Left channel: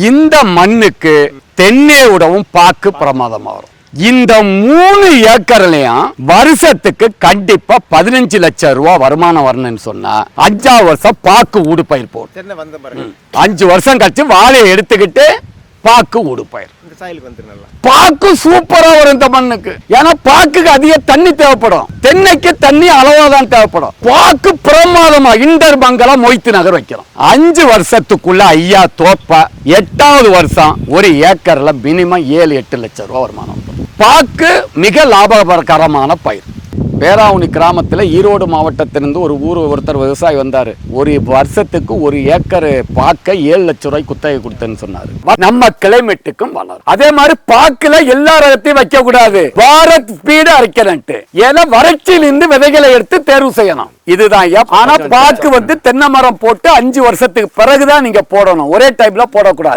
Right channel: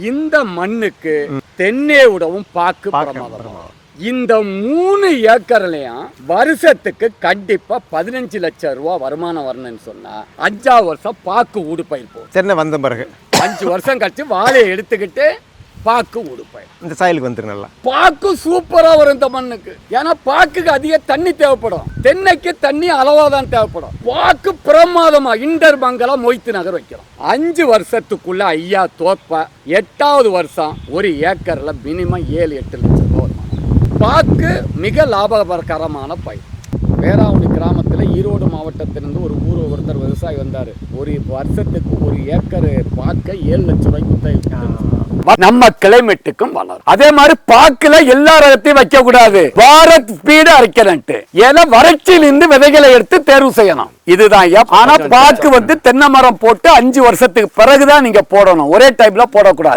இந்த மண்ணுக்கு தென்னை விடவும் பாக்கு பிரமாதமா வரும் இந்த மூணு ஏக்கர்லயும் வருஷத்துக்கு கண்டிப்பா பதினஞ்சு லட்சம் ரூபாய் வருமானம் வரணும்னு சொன்னா அஞ்சாவது வருஷம் பாக்கு ஊடு பயிர் போடும். சென்னை வந்த பிறகு. அஞ்சு வருஷம் கழிச்சு வாழையை எடுத்துக்கிட்டு பாக்கு ஊடு பயிர். இந்த சாயலுக்கு வந்துரு நல்லா பாக்கு சூப்பரா வரும் இந்த மண்ணுக்கு. ஏன்னா பாக்குக்கு அதிக தண்ணி தேவைப்படும். தென்னைக்கு தண்ணி அளவா தான் தேவைப்படும். பாக்கு பிரமாதமா இண்டர் பங்களா மொய்த்து நகர் வைக்கிறோம். அஞ்சு வருஷத்துக்குள்ள ஐயா தோப்ப எட்டாவது வருஷம் ஒரு ஏக்கர்ல மினிமம் ஏழு எட்டு லட்சம் ரூபாய் வருமானம். பாக்கு மிக லாபகரமான பயிர். பேராவணி கிராமத்துல ஈரோடு மாவட்டத்திலிருந்து ஒரு ஊர் ஒருத்தர் விவசாயி வந்தாரு. ஒரு வருஷத்துக்கு ஒரு ஏக்கர் பாக்க ஏழு லட்சம் ரூபாய் குத்தகை கொடுத்தேன்னு சொன்னாரு. நம்ம கிளைமேட்டுக்கும் வளரும். அதே மாதிரி பாக்குல எல்லா ரகத்தையும் வைக்க கூடாது பாரத் ஸ்பீடு அரைக்கிறன்ட்டு ஏன்னா வறட்சியிலிருந்து விதைகளை எடுத்து தேர்வு செய்யணும். இதுதான் ஆனா பாக்கு வந்து தென்னை மரம் போட்டு அஞ்சு வருஷத்துக்கு பிறகுதான் நீங்க போடணும். ஒரே டைம்ல போடக்கூடாது.